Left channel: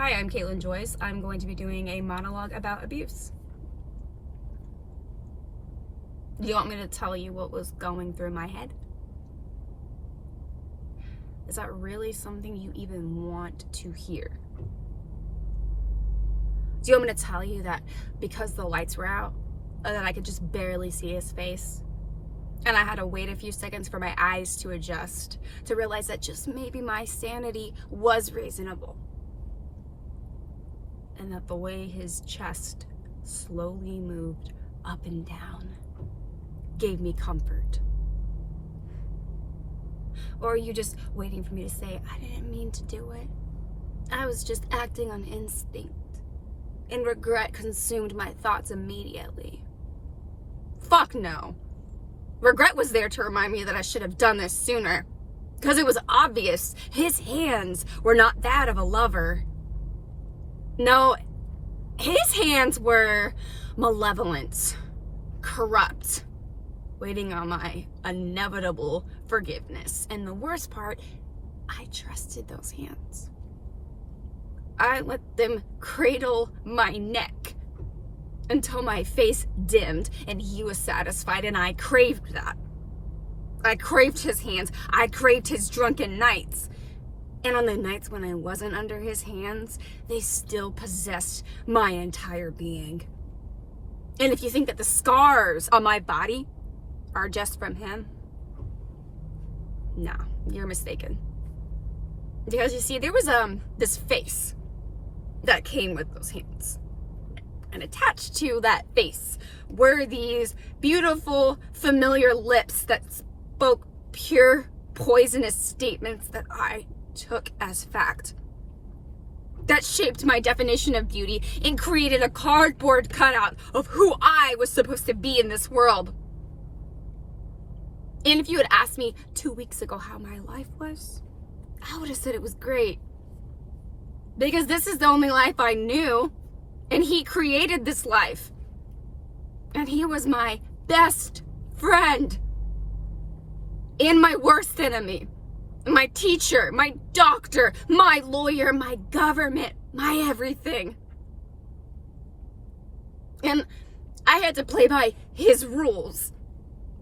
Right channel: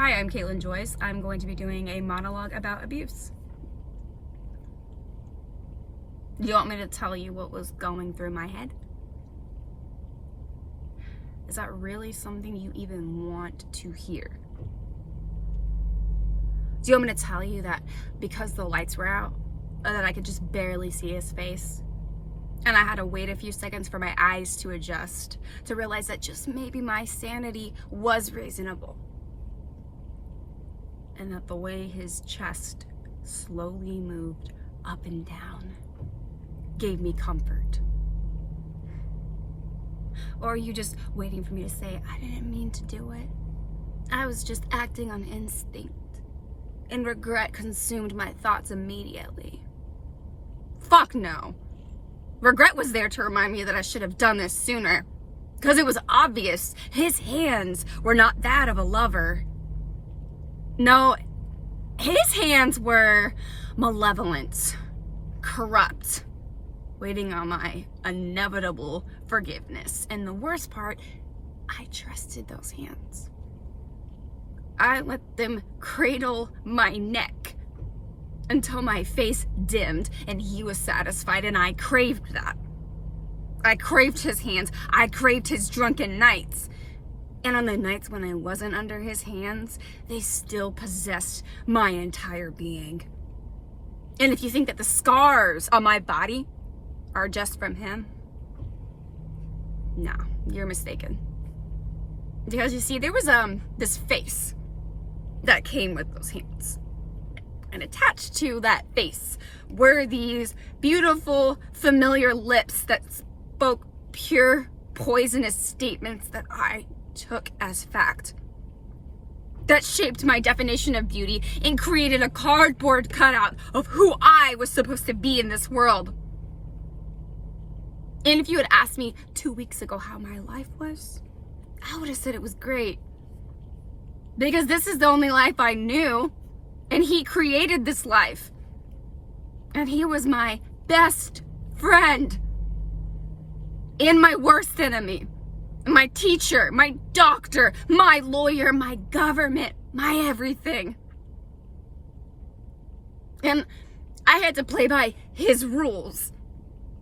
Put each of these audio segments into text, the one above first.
Hi, I'm Caitlin Joyce. I'm going to be doing a monologue about abuse. Do you want me to tell you what was going through my head? Is that really something you even want to hear? Do you want me to tell you that because the lights were out, that I could just barely see his face? And I had to wait a few seconds for my eyes to adjust, to realize that just maybe my sanity was reasonable. And that the way his chest slowly moved up and down gave me comfort. Or are you just waiting for me to say, I didn't mean to do it? I was just acting on instinct. And regret consumed my thoughts immediately. Fuck no. Regret was there to remind me that I should have done this sooner. Because it was obvious his hands were not that of a lover. No, his hands were malevolent, corrupt, waiting on my inevitable forgiveness. And the worst part, I trusted those hands. I let them cradle my neck until my face dimmed and he was satisfied, and I craved that. I craved his hands. I craved his drunken nights. And on the nights when I wasn't under his hands, they still possessed my entire being. And if you think that the scars on my body are just from him, no, you're mistaken. Because you see, there was this face that came with those hands. And attached to that face were these beautiful, familiar lips that spoke pure, poisonous statements that I took as fact. That shaped my definition of beauty and created a cardboard cutout of who I was supposed to be in this world. And if you had asked me 2 weeks ago how my life was, I would have said it was great. Because this is the only life I knew. And he created this life. And he was my best friend. And my worst enemy. My teacher, my doctor, my lawyer, my government, my everything. And I had to play by his rules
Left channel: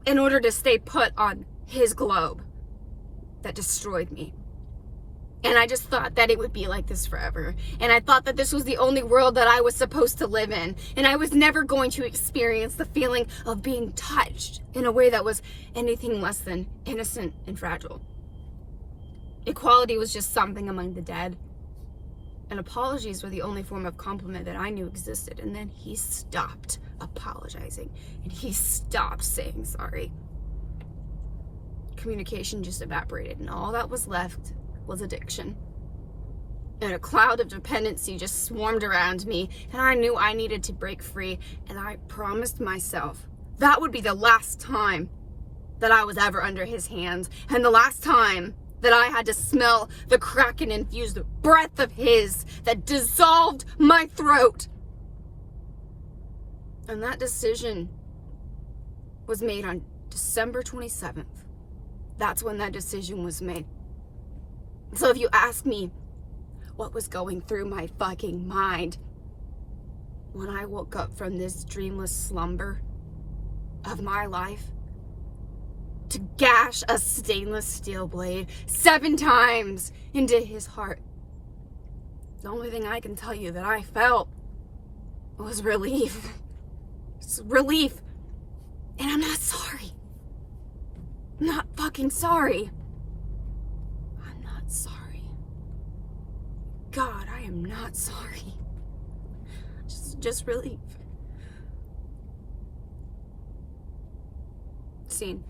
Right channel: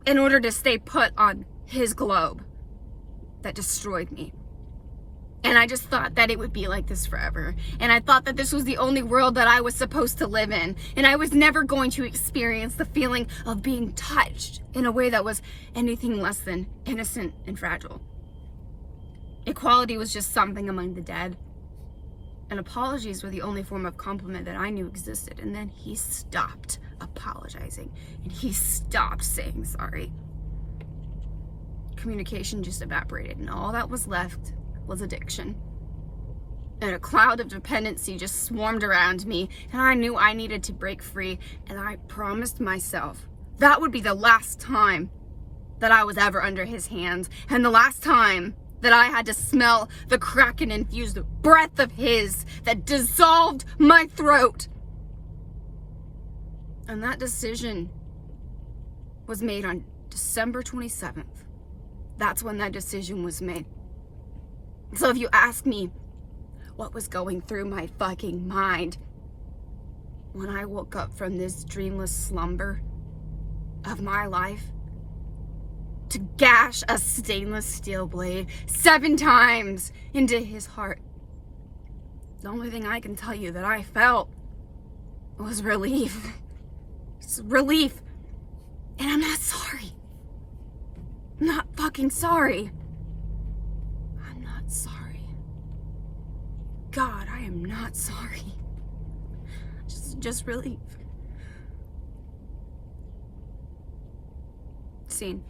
in order to stay put on his globe that destroyed me. And I just thought that it would be like this forever. And I thought that this was the only world that I was supposed to live in. And I was never going to experience the feeling of being touched in a way that was anything less than innocent and fragile. Equality was just something among the dead. And apologies were the only form of compliment that I knew existed. And then he stopped apologizing. And he stopped saying sorry. Communication just evaporated. And all that was left was addiction. And a cloud of dependency just swarmed around me. And I knew I needed to break free. And I promised myself that would be the last time that I was ever under his hands. And the last time that I had to smell the Kraken-infused breath of his that dissolved my throat. And that decision was made on December 27th. That's when that decision was made. So if you ask me what was going through my fucking mind when I woke up from this dreamless slumber of my life, to gash a stainless steel blade 7 times into his heart, the only thing I can tell you that I felt was relief. Just relief. And I'm not sorry. I'm not fucking sorry. I'm not sorry. God, I am not sorry. Just relief. Scene.